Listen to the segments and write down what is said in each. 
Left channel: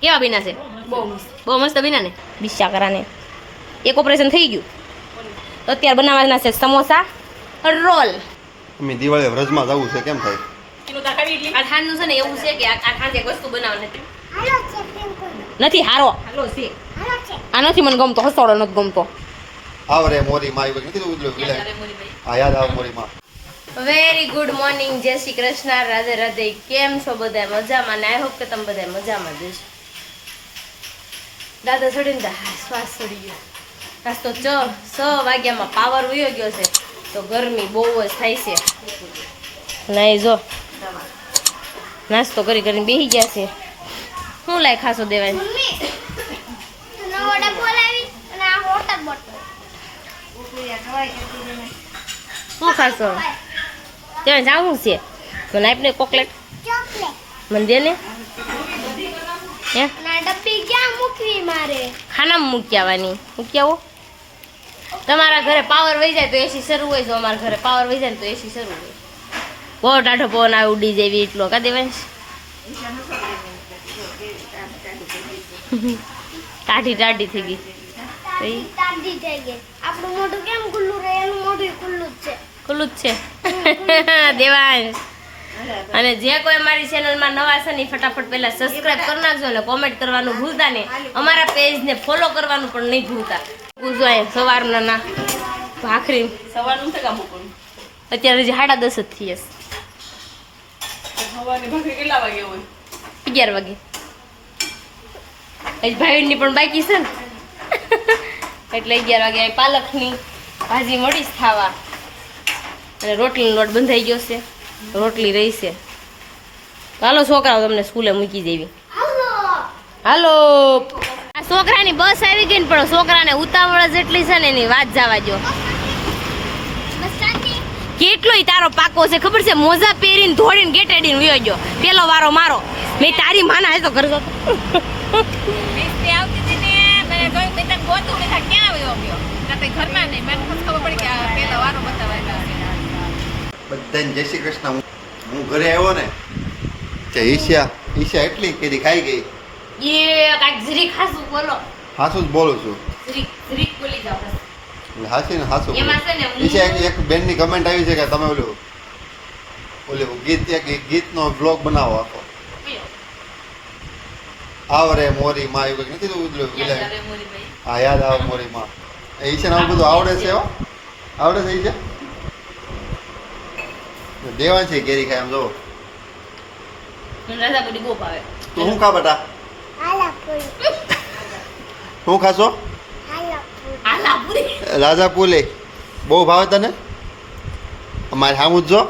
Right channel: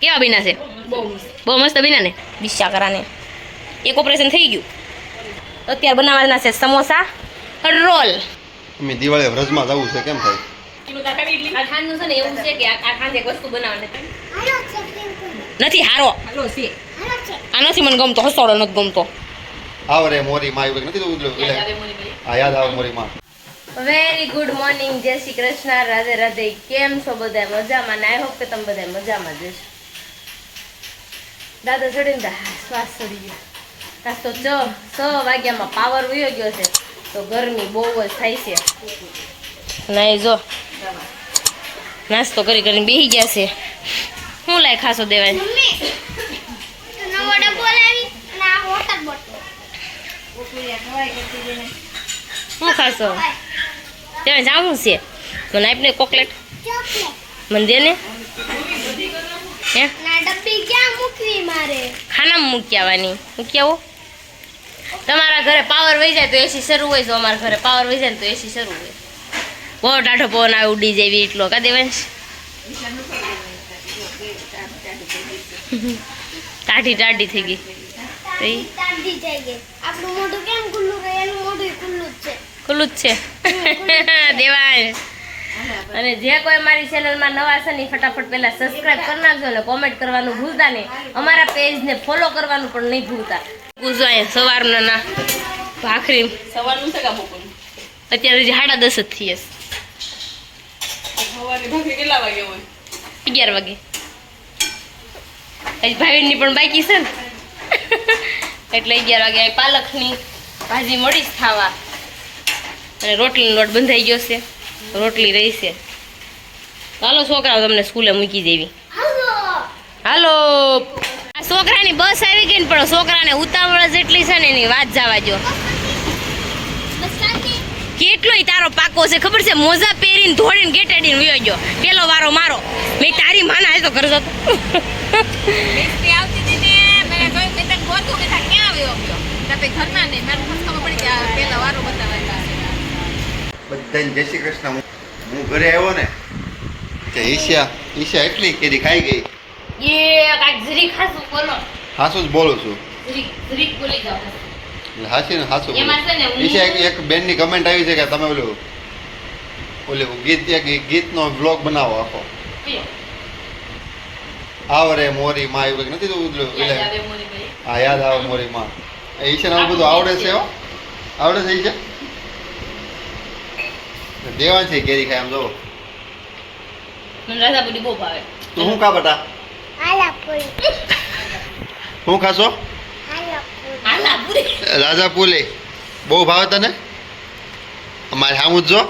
કેવા બીના છે? બહુ મસ્ત બીના ને. બિસ્સા કરાને એક ઓપરેશન થઈ ગયું. અત્યારે બનાવવાના છે સમોસા રોલ. અમે દિવાળી વ્રજમાં જવું છે કેમ થાય? આ ખાંડનું છે ને એવું છે કે આ ખાંડ એક વસ્તુ બનાવવાની નથી હારો. આ નથી મને ગમતો, હસોડો નથી ગમતો. આવરે મોરી માં આવ્યું નથી તો હા યાદ આવે મોરી માં. વેરી ગુડ મોર્નિંગ, જય શ્રી કૃષ્ણ, રાધે રાધે. કેમ છો બધા? મજામાં ને? આઈ હોપ કે તમે બધા મજામાં જ છો. દાદા ચડીને શ્વાસ ચડી ગયો. આજ તો 6 વાગ્યામાં પાવર વયો ગયો છે તો ગરમી બહુ જ થાય છે. નહીં જો નાસ્તો કરી કરીને બેસી ગયા છે. શું લાય ખાસો દેવાય? શું ખાશો? ત્યાં જાવું છે મને આપને ચોકલેટ મને દે ને. હે ડબ્બી ક્યાં મૂકવી મારે? ખાનામાં મૂકી આવવાની. મૂકી આવો. તમારા ઘરે પાવર વહી જાય તો એસી શરૂ હોય તો અમારા ઘરે પાવર વહી જાય તો એસી શરૂ હોય. બહુ ટાઢો પવન આવે ઉડી જેવી એટલો કા દેવાંશ? ટાઢી થઈ ગઈ. તાડી થઈ ગઈ. આપણું મોઢું કેમ ખુલ્લું રહે? એનું મોઢું ખુલ્લું જ છે. ખુલ્લું જ છે દેવાંશ. અને જે કોઈ અમારી ચેનલમાં નવા છે ને ફટાફટ પહેલા સબસ્ક્રાઇબ કરી નાખજો અને કોમેન્ટ કરવાનું ભૂલતા નહીં. અમારા પેજને ફોલો કરવાનું પણ નહીં ભૂલતા. પૂછો અહીંયા સવારના ના ભાખરી સવારનું છે કે બપોરનું? અત્યારે હજી 10:30 જ થઈ હશે. સવારે ભાખરી કેટલા વાગે હોય? 11 વાગે. હજી ભાઈની પણ બાકી છે ને એટલે 11 વાગે અહીં પાલકની ભાજી મળી ખાવા. અને રોટલીનો લોટ બંધાઈ ગયો છે, રોટલી રહી છે. હાલો છોકરાઓ તમને સ્કૂલે મૂકી દેવી. હાલો. આ છોકરાની બસ આવી ગઈ ને પણ છોકરાને ઉતાવળ જેટલી છે ને એની વાત જવા જો. કેટલોય તારો પાકો છે ખબર છે? મોજા પહેરીને ધોડીને ગેટેડીને વયો ગયો. પેલો વારો મારો. મેં તારી માના હે તો ઘર જતો. બધાને જય શ્રી કૃષ્ણ. હું ઘરે આવ્યો ને કે ઈશા એટલી કેરી ખાઈ ગઈ. એ કાંઈક જરીક ખાસું બોલો. હાસું જ બોલું છું. જરીક બોલી જાઓ. એટલે હાસી ને હાસું એમાં છે ને હું- ઈશા એક બેનની કમેન્ટ આવી છે કે તમે ઓલું ગીતનો બ્લોગ બનાવો આખો. આવરે મોરી માં આવ્યું નથી તો હા યાદ આવે મોરી માં. ઈશાને આવું બધું આવડે છે હો. આવડે છે ઈશા? દેવાન છે કેરી ખાય આમ જો. મને રાધાપુરી બહુ ભાવે. તું શું ખા બેટા? આલાપુરી. શું ખાશો? આલાપુરી. આલાપુરી. રાજાપુરી બહુ ભાવે તને? અમારે સામું જ જો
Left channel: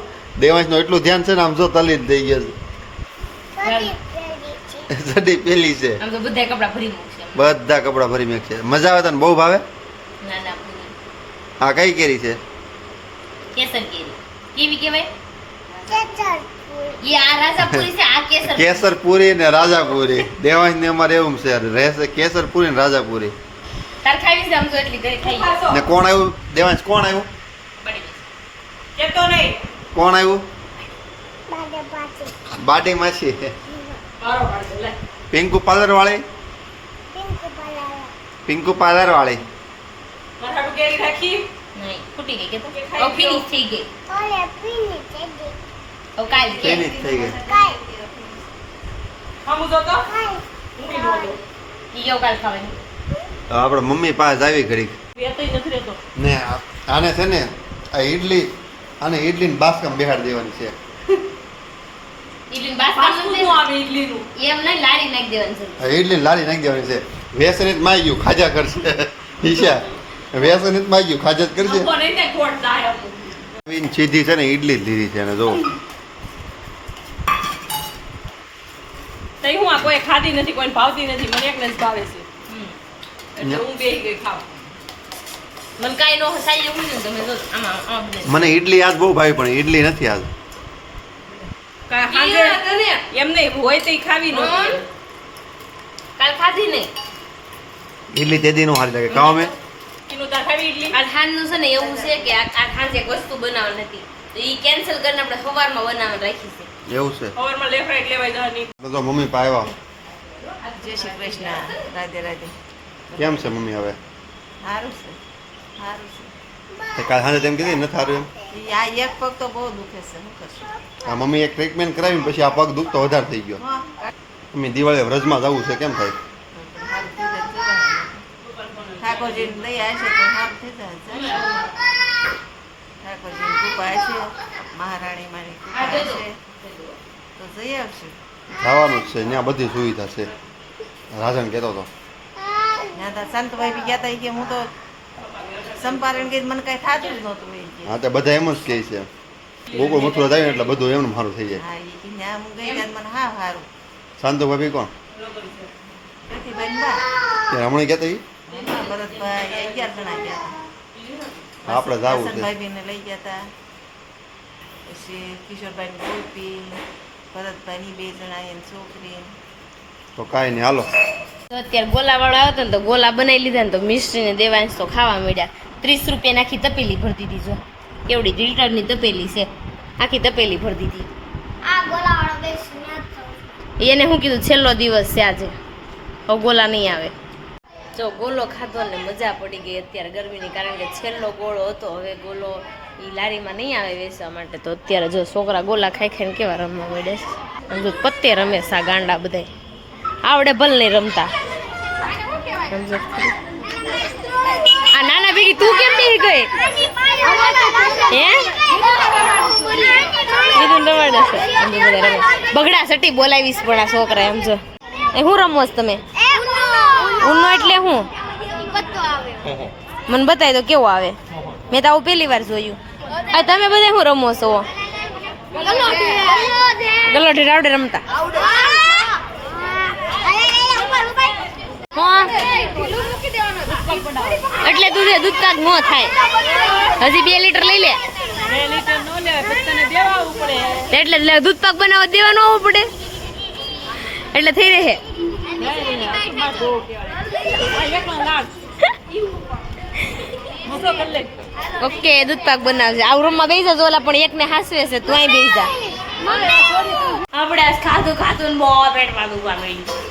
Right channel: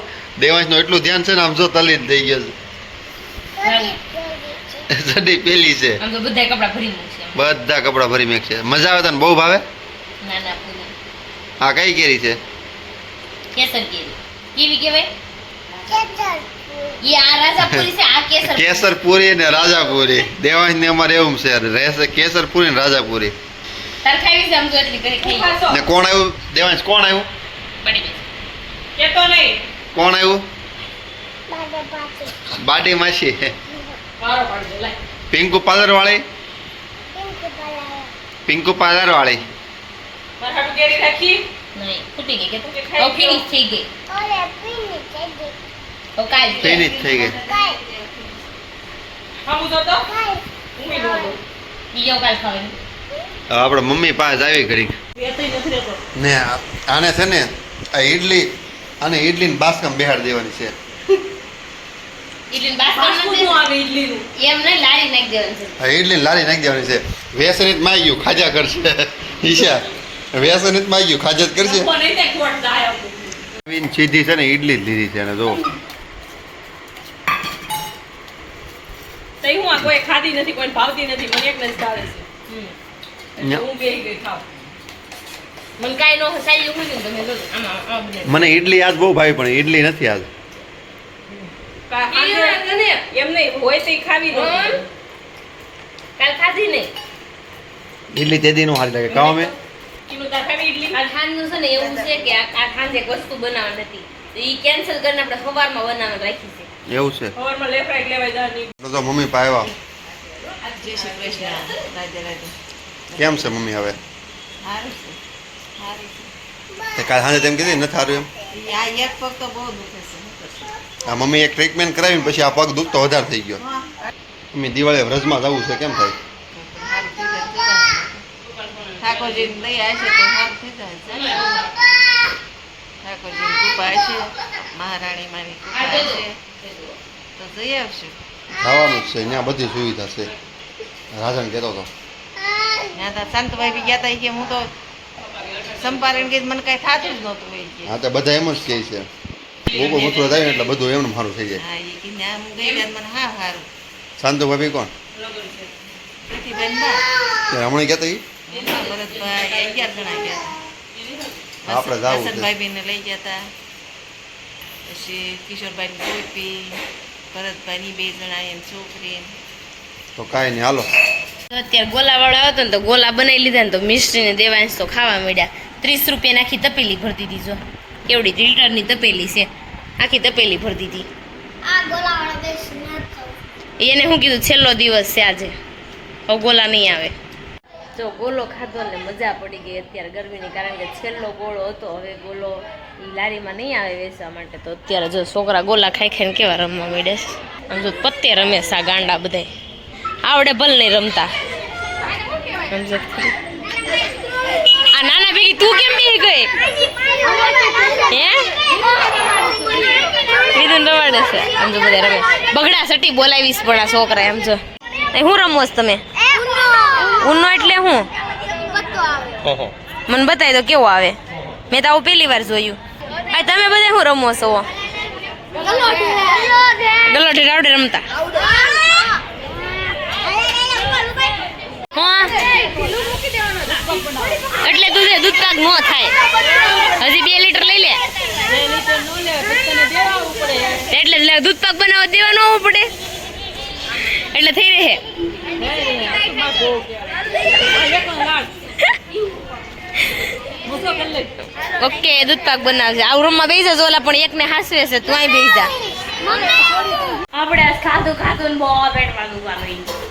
દેવાંશનું એટલું ધ્યાન છે ને આમ જો તલી જ થઈ ગયા છે. સડી પેલી છે. આમ તો બધા કપડા ભરી મૂકશે. બધા કપડા ભરી મેક છે. મજા આવે તને? બહુ ભાવે? ના ના પૂરી. હા કઈ કેરી છે? કેસર કેરી. કેવી કહેવાય? કેસરપુરી. એ આ રાજાપુરી છે, આ કેસર. કેસરપુરી ને રાજાપુરી. દેવાંશ ને અમારે એવું છે રહેશે કેસરપુરી ને રાજાપુરી. તાર ખાવી છે આમ તો એટલી કરી ખાઈ. ને કોણ આવ્યું? દેવાંશ કોણ આવ્યું? પડી ગઈ. કેતો નહીં. કોણ આવ્યું? બાડે પાછી. બાડી માસી. મારો પાડજો લાય. પિંકુ પાર્લર વાળી. પિંક બલાયા. પિંકુ પાર્લર વાળી. મારા હાટુ કેરી રાખી. નહીં ફૂટી ગઈ કે તો ફિનિશ થઈ ગઈ. ઓલે પીની થઈ ગઈ. હવે કાલ ફિનિશ થઈ ગઈ. કાઈ. ખાવું જો તો કાઈ. ઊંઘી નો દો. બીજો કાલ ખાવાની. આપણે મમ્મી પાસે આવી ઘડીક વેતઈ નથી રહેતો. ને આને છે ને આ ઈડલી આને ઈડલીને બાસકામ બેહાડ દેવાની છે. ઇડલી ફાસ્ટ બાસ્કેટ ફૂડ નું આવે ઈડલીનું. એમ નહીં લારી નાખી દેવાની છે. આ ઈડલીને લારી નાખી દેવાની છે. વેસનિત માં ગયું ખાજા કરશે ઈશા. વેસનિત માં ગયું ખાજા જ કરશે. લોકો નહીં થાય ખોટ જાય આપું. નવીન સીધી છે ને ઈડલી જ લીધી છે અને જો તઈ હું આ કોઈ ખાધી નથી, કોઈને ભાવતી નથી, મને એકને જ ભાવે છે. એટલે હું બેહી ગઈ ખાવ. મને કાંઈ નો સાઈ જેવું છે ને તમે જો આમાં આમાં બને. મને ઈડલી આજ બહુ ભાવી પણ ઈડલી નથી આજ. હાજે એમ નહીં હોય તો ખાવી નો કાલ ખાધી નહીં. ઈડલી તેદી નો સારી લાગે કાવા મેં કીનું તાર ખાવી ઈડલી. આ ખાંડનું છે ને એવું છે કે આ ખાંડ એક વસ્તુ બનાવવાની નથી તો એ કેન્સલ કરીને આપણે સવારમાં બનાવવાનું રાખી છે. એવું છે સવારમાં લેફ્ટ રાઈટ લેવાય જવાની. તો મમ્મી પાવ્યા જય શ્રી કૃષ્ણ. રાધે રાધે. કેમ છે મમ્મી હવે સારું છે, સારું છે. તે કાલ સાંજે તેમ કીધી નથી સારું એમ આ એક પગ તો બહુ દુખે છે. શું કરશું? આ મમ્મી એક ટ્રીટમેન્ટ કરાવીને પછી આ પગ દુખતો વધારે થઈ ગયો મમ્મી દિવાળીએ વ્રજમાં જવું છે કેમ થાય સારું થઈ જાય. ઠાકોરજીને દયા હશે તો સારું થઈ જાય. ઠાકોરજીની કૃપા હશે, મહારાણી મારી કૃપા હશે તો જઈ આવશું. જવાનું જ છે ત્યાં બધી સુવિધા છે રાજન કહેતો હતો ત્યાં તો સંતભાઈ બી ગયા હતા. કે હું તો સંપારણ કે મને કઈ થતું જ નહોતું. એ કે હા તો બધા એમ જ કહે છે ગોકુળ મથુરા થાય ને એટલે બધું એમનું સારું થઈ જાય હા, એ કે ત્યાં હું ગઈ ત્યારે મને હા સારું. શાંતુ ભાભી કોણ પ્રતિભાઈ બા ત્યાં હમણાં કહેતા ઈ હમણાં ભરતભાઈ 11 જણા ગયા હતા. આપણે જાવું છે. વસંતભાઈને લઈ ગયા હતા, પછી કિશોરભાઈની ગોપી, ભરતભાઈની 2 જણા એમ છોકરી. તો કાંઈ નહીં હાલો તો અત્યારે ગોલાવાળો આવતો ને તો ગોલા બનાવી લીધા ને તો મિસ્ત્રીને દેવાંશ તો ખાવા મળ્યા. 30 રૂપિયાની આખી તપેલી ભરતી હતી. જો કેવડી લીટરની તપેલી છે, આખી તપેલી ભરતી હતી. આ ગોલાવાળો બેસ ન થયો. એને શું કીધું છેલ્લો દિવસ છે આજે, હવે ગોલા નહીં આવે. જો ગોલો ખાધો ને મજા પડી ગઈ અત્યારે ગરમીની, કારણ કે છેલ્લો ગોળો હતો. હવે ગોલો એ લારીમાં નહીં આવે વેચવા માટે, તો અત્યારે જો છોકરા ગોલા ખાઈ ખાઈને કેવા રમવા માંડે છે. આમ જો પત્તે રમે સા ગાંડા બધાય, આવડે ભલે નહીં રમતા. સમજો ખરી? આ નાના ભેગી તું કેમ બેહી ગઈ? હે કીધું રવાડે છે. આમ જો બધા રમે બગડા સટી બોલાવીશ પણ આ છોકરા. એમ જો હું રમો છો તમે? ઉનો એટલે હું મને બતાવી દો કેવો આવે. મેં તો આવું પહેલી વાર જોયું. આ તમે બધા શું રમો છો? ગલોઠી રાવડે રમતા? હા એટલે તું દૂધ પાક ન થાય. હજી 2 લીટર લઈ લે. 2 લીટર નો લેવાય, પછી તને દેવાવું પડે. એટલે દૂધ પાક બનાવવા દેવાનું આવવું પડે એટલે થઈ રહે. ઓકે દૂધ પાક બનાવશે. આ રૂમમાં બેસી જા ઓલા પણ એકને હાસવે છે, તું અહીં બેસી જા. આપણે આજ ખાધું ખાધું ને બહુ પેટમાં દુખવા માંડ્યું.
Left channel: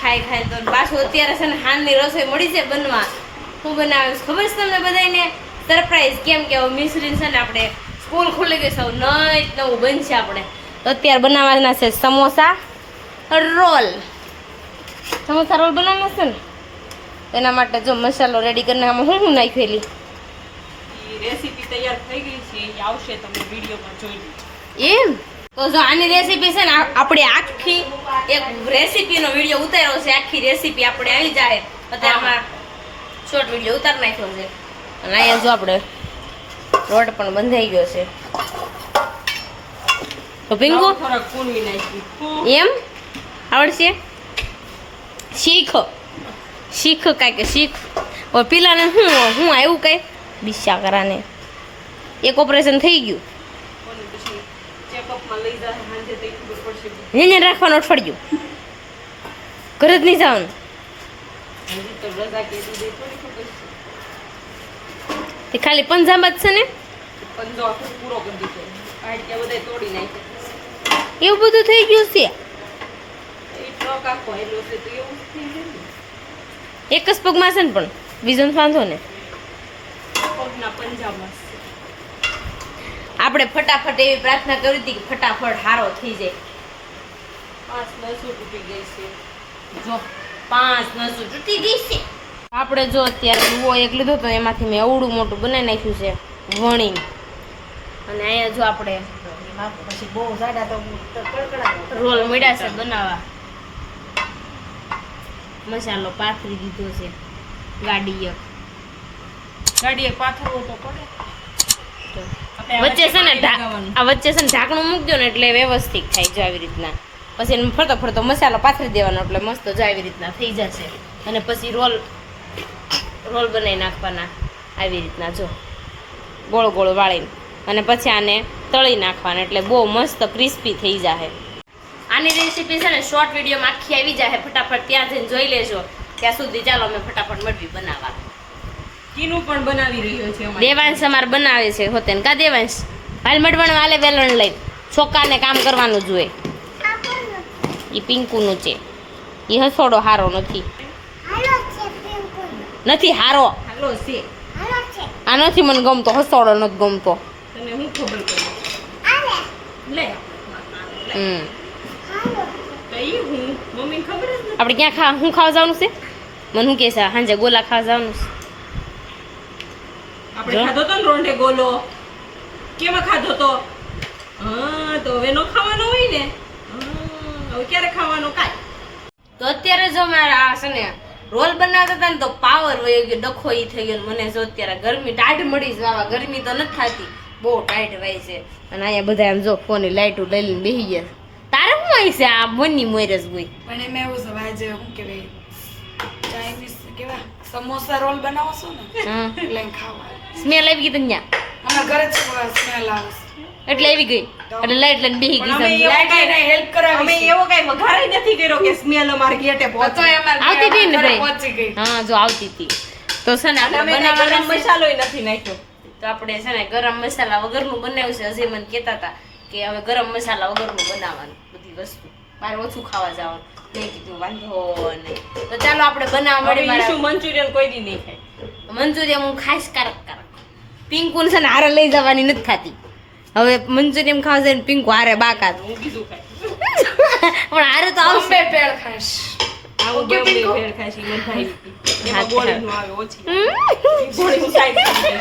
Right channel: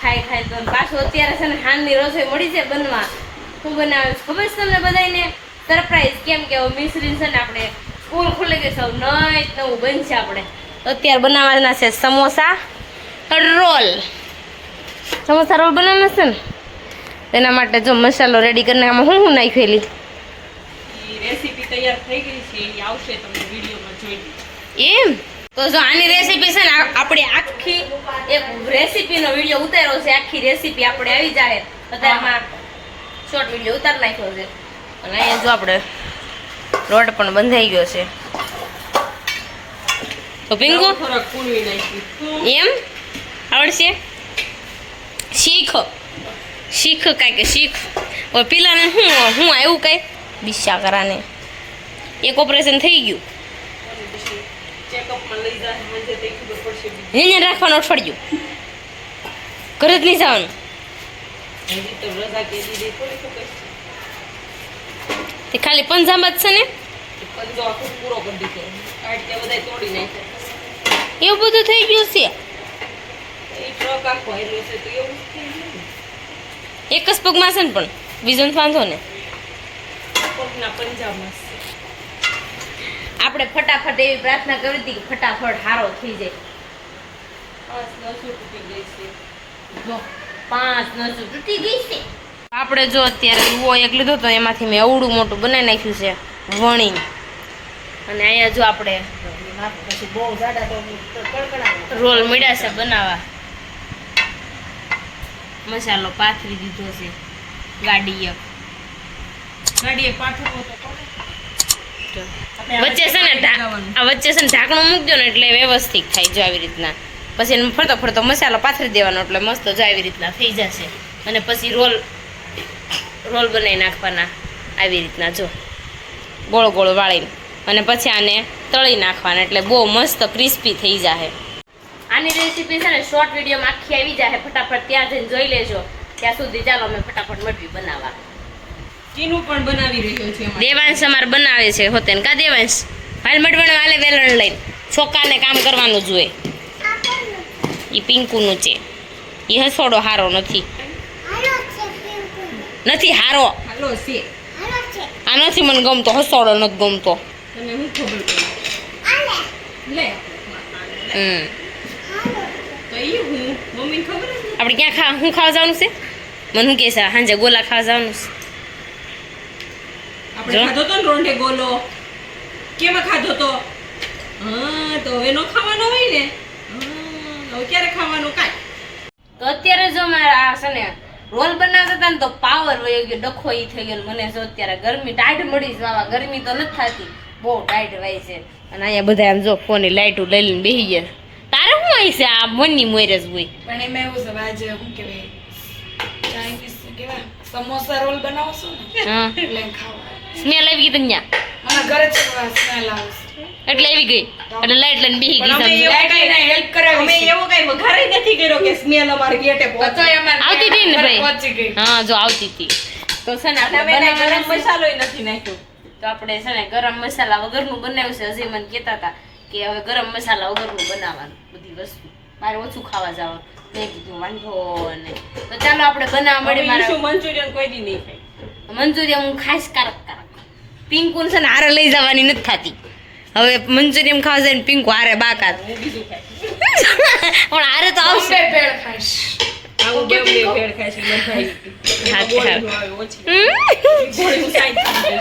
ખાઈ ખાઈ તો પાછું અત્યારે છે ને હાનની રસોઈ મળી છે બનવા. હું બનાવીશ ખબર છે તમને બધાને સરપ્રાઈઝ. કેમ કે મિશ્રીન છે ને આપણે સ્કૂલ ખુલી ગઈ છે, નવું બનશે. આપણે અત્યારે બનાવવાના છે સમોસા રોલ. સમોસા રોલ બનાવવાના છે ને એના માટે જો મસાલો રેડી કરીને આમાં હું નાખેલી રેસીપી તૈયાર થઈ ગઈ છે, એ આવશે તમને વિડીયોમાં જોઈ. એમ તો જો આની રેસીપી છે ને આપણે આખી એક રેસીપીનો વિડીયો ઉતાર્યો છે. આખી રેસીપી આપણે આવી જાય અત્યારમાં શોર્ટ વિડીયો ઉતાર નાખ્યો છે. અને અહીંયા જો આપણે રોટ પણ બંધાઈ ગયો છે. તો પિંકુ થોડાક કૂણવી નાખી. એમ આવડશે? શીખ શીખ કાંઈ કે શીખ. પેલાને હું આવ્યું કઈ બિસ્સા કરાને એક ઓપરેશન થઈ ગયું. ચેકઅપમાં લઈ જાય સાંજે તે ખબર પડશે. એને રાખવાનું અઠવાડિયું ઘરે જ નહીં જવાનું. હજી તો રજા કે દીધી થોડી ખબર છે. તે ખાલી પંજાબ જ છે ને પંજો આખો પૂરો કરી દીધો. આટકે બધા તોડી નાખે. એવું બધું થઈ ગયું છે. એ ટ્રક આખો હેલો છે તો એવું જ થઈ ગયું ને. એક જ પગમાં છે ને પણ બીજો વાંધો ને. પગના પંજામાં છે. આપણે ફટાફટ એવી પ્રાર્થના કરી હતી કે ફટાફટ હારો થઈ જાય. 5 નસો તૂટી ગઈ છે. જો 5 નસો તૂટી ગઈ છે. આપણે જો અત્યારે લુવો એક લીધો તો એમાંથી મેં અવડું મોટું બનાવી નાખ્યું છે વણી. અને અહીંયા જો આપણે પછી બહુ જાડા તો કડકડા. રોલ મળ્યા છે બનાવવા. મસાલો પાથરી દીધો છે ગાડી એક. ગાડીએ પાથરવો તો પડે. વચ્ચે છે ને આ વચ્ચે છે ને ઢાંકણું મૂકજો ને એટલે વ્યવસ્થિત થાય જો આવી રીતના. પછી એને ફરતો ફરતો મસાલો પાથરી દેવાનો એટલે મસ્ત જો આવી રીતના થઈ જશે. અને પછી રોલ બનાવી નાખવાના આવી રીતના જો ગોળ ગોળ વાળીને. અને પછી આને તળી નાખવાના એટલે બહુ મસ્ત ક્રિસ્પી થઈ જાય. આની રેસીપી છે ને શોર્ટ વિડીયોમાં આખી આવી જાય. ફટાફટ ત્યાં જઈને જોઈ લેજો. ત્યાં સુધી ચાલો અમે ફટાફટ મટવી બનાવવા. કીનું પણ બનાવી રહ્યો છે અમારે. દેવાંશ અમારે બનાવે છે હોતે ને કા દેવાંશ હાલ મટવાનું હાલે વેલણ લઈને છોકરાને કામ કરવાનું જોઈએ. એ પિંકુનું છે એ હસોડો હારો નથી, હાલો છે પિંકુ નથી હારો. હાલો છે હાલો છે આ નથી મને ગમતો, હસોડો નથી ગમતો. તને હું ખબર પડી આલે લે હમ હાલો તો ઈ હું મમ્મીને ખબર જ નથી. આપણે ક્યાં શું ખાવા જવાનું છે? મને શું કહે છે સાંજે ગોલા ખાવા જવાનું છે. આપણે જો. ખાધો તો ને રોંઢે ગોલો, કેમાં ખાધો તો? હા તો હવે નો ખાવાનો હોય ને. હા હવે ક્યારે ખાવાનો કાંઈ? તો અત્યારે જો મારા આ છે ને રોલ બનાવતા હતા ને તો પાવર વયો ગયો, ડખો ઈ થઈ ગયો. ને મને જો અત્યારે ગરમી ટાઈટ મળી જવા, ગરમી તો નથી થતી, બહુ ટાઈટ વાય છે. અને અહીંયા બધા આમ જો ફોન લાઈટું લઈ લઈને બેસી ગયા. તારે શું આવી છે આ મનની મોરસ હોય? પણ એમાં એવું છે આજે શું કહેવાય ચાઇનીઝ કેવા સમોસા રોલ બનાવો છો ને હા એટલે એમ ખાવા સ્મેલ આવી ગઈ તને ત્યાં? અમારા ઘરે જ સ્મેલ આવે છે એટલે આવી ગઈ, એટલે લાઈટ લઈને બેસી ગઈ. પણ અમે સમજો. લાઈટ આઈને હેલ્પ કરાવી અમે છે એવો કાંઈ વઘારે નથી કર્યો કે સ્મેલ અમારે ગેટે તો પહોંચે. એમાં આવતી હતી ને ભાઈ? પહોંચી ગઈ હા જો આવતી હતી. તો છે ને અને આપણે અમે કાંઈ ગરમ બનાવવાના છે. મસાલોય નથી નાખ્યો. તો આપણે છે ને ગરમ મસાલા વગરનું બનાવ્યું છે. હજી મને કહેતા હતા કે હવે ગરમ મસાલા વગરનું બનાવવાનું બધી વસ્તુ, મારે ઓછું ખાવા જવાનું. મેં કીધું વાંધો નહીં. તો ચાલો આપણે બનાવવા હવે મળીએ. મારા ઈશુ મંચુરિયન કોઈ દી નહીં ખાય. મંચુરિયન હું ખાઈશ કારક. પિંકુને છે ને હારે લઈ જવાની નથી થતી. હવે મંચુરિયન ખાવા જાય ને પિંકુ હારે બાકાત. હું બીજું ખાય. પણ હારે તો આવશે. બોમ્બે પેડ ખાઈશ આવું બે ભેળ ખાય છે મને ભાઈ. હા, એમાં ગોળીનું આવે ઓછી. હમ? ગોળીનું સાઈડ કરી દે.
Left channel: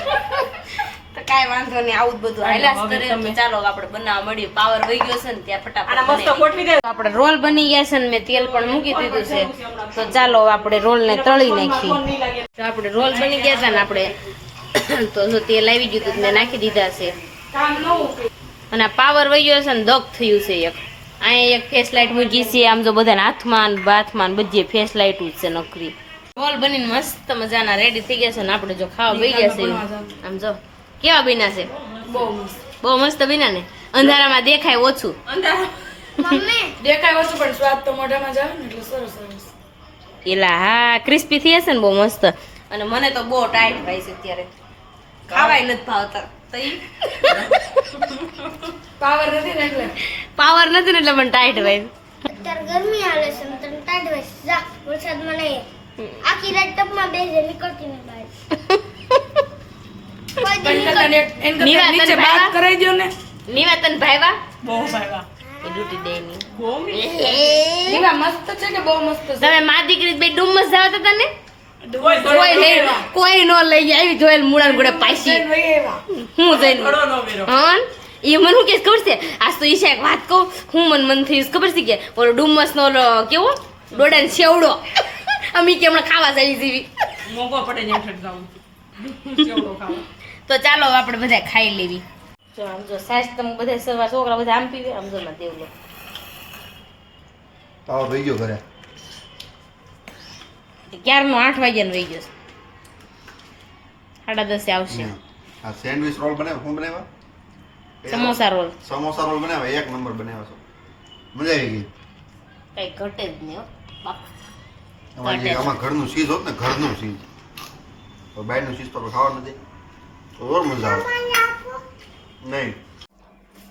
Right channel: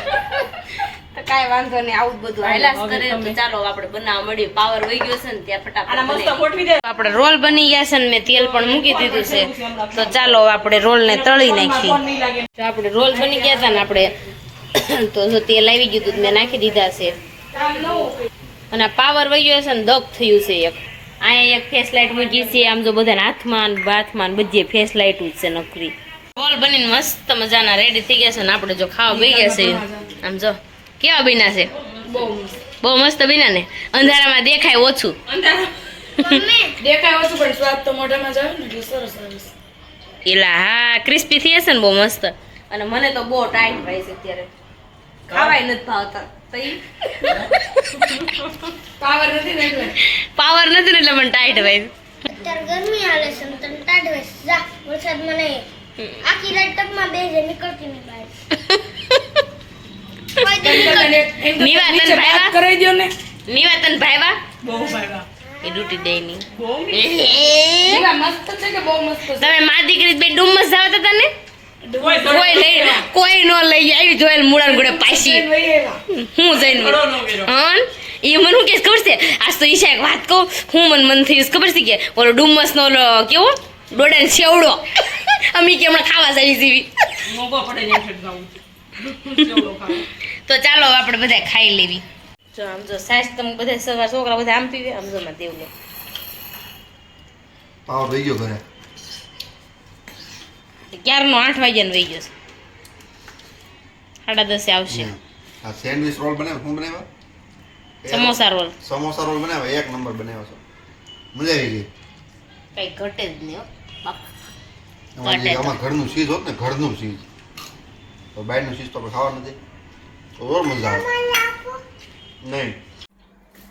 તો કાંઈ વાંધો નહીં, આવું જ બધું હાલ્યા જ કરે. તો ચાલો આપણે બનાવવા મળીએ. પાવર વહી ગયો છે ને ત્યાં ફટાફટ આના મસ્ત બનાવી. ગોઠવી દે. આપણે રોલ બની ગયા છે ને મેં તેલ પણ મૂકી દીધું છે. તો ચાલો આપણે રોલને તળી નાખીએ. નહીં લાગે. તો આપણે રોલ બની ગયા હતા ને આપણે તો જો તેલ આવી ગયું હતું તો મેં નાખી દીધા છે. અને આ પાવર વહી ગયો છે ને દગ થયું છે એક. અહીંયા એક ફેસ લાઇટ મૂકી છે. આમ જો બધાને હાથમાં ને બાથમાં ને બધી ફેસ લાઇટ જ છે નકરી. રોલ બનીને મસ્ત મજાના રેડી થઈ ગયા છે ને આપણે જો ખાવા બેસી ગયા છે. આમ જો કેવા બન્યા છે? બહુ મસ્ત બહુ મસ્ત બન્યા ને. અંધારામાં દેખાય ઓછું. દેખાય ઓછું પણ સ્વાદ તો મોઢામાં જાય ને એટલે સરસ સરસ એલા હા ક્રિસ્પી થઈ હશે ને બહુ મસ્ત. અને મને તો બહુ ટાઈટ ભાઈ છે અત્યારે, ખાવાય નથી ભાવતા. તો ઈ પાવર નથી ને એટલે પાવર નથી ને એટલે મને ટાઈટ ભાઈ. અત્યારે ગરમી હાલે છે ને તને ટાઢ વેસ જા વરસાદમાં નહીં આખી રાત ટપમાં બેસે નીકળતી નહીં બહાર નિવાતન વાત ભાઈવા કરાઈ દો ને નિવાતન ભાઈવા બહુ સારા. એ ડૂટી દે ની. બહુ મીઠું. એવા મસ્ત છે કે બહુ મસ્ત છે તમે મા દીકરી બે ડુમ્મસ જાવ તો તને કોઈ કોઈ લઈ કોઈ નો લઈ આવી જોયેલ મુળાન ગોળે પાછી હું જઈને ઘડો ન મેરો. હન એ મને શું કે ખબર છે? આજ તો ઈશા એક વાત કહું, હું મન થઈ ખબર છે કે ઓલો ડુમ્મસ નો ઓલો કેવો ડોડાને સેવડો અમે કે હમણાં ખાવા જાય જેવી. મોંઘો પડે ને એટલે જાઉં. ચેવડો ખાવો. તો ચાલો આપણે બધા ખાઈ લેવી. જો આમ જો સાસ તમે બધા સવાર છોકરા બધા આમ પીવે. આમ જો માં દેવલો પાવર વહી ગયો ઘરે. ક્યારનો 8 વાગ્યાનો વહી ગયો છે. 10:30 આવશે. આ સેન્ડવિચ રોલ બનાવ્યો. શું બનાવ્યો? સમોસા રોલ સમોસા રોલ બનાવ્યા. એક નંબર બનાવ્યો છો. મજા આવી ગઈ. કઈ ઘટે જ નહીં હો બાપ. આમાં ઘરનું ચીઝ હોત ને, ઘરનું ચીઝ. તો બહારનું ચીઝ તો આપણે ખાવા નથી. તો ઓર મજા આવે. નહીં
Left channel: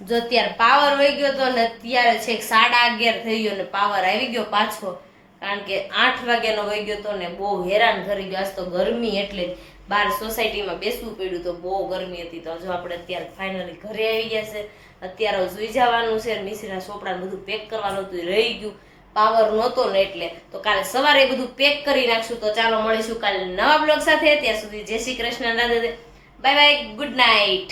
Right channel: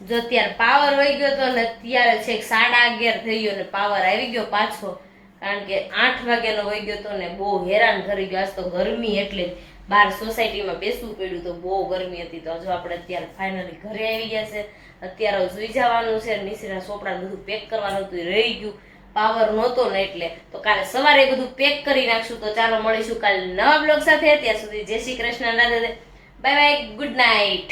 જો અત્યારે પાવર વહી ગયો તો ને અત્યારે છેક 11:30 થઈ ગયો ને પાવર આવી ગયો પાછો. કારણ કે 8 વાગ્યાનો વહી ગયો તો ને બહુ હેરાન કરી ગયો. આજ તો ગરમી એટલે બહાર સોસાયટીમાં બેસવું પડ્યું તો બહુ ગરમી હતી. તો જો આપણે અત્યારે ફાઇનલી ઘરે આવી ગયા છે. અત્યારે સુઈ જવાનું છે. મિશ્રીના ચોપડા બધું પેક કરવાનું હતું, રહી ગયું. પાવર નહોતો ને એટલે તો કાલે સવારે બધું પેક કરી નાખશું. તો ચાલો મળીશું કાલે નવા બ્લોગ સાથે. ત્યાં સુધી જય Shri Krishna, Radhe Radhe, bye bye, good night.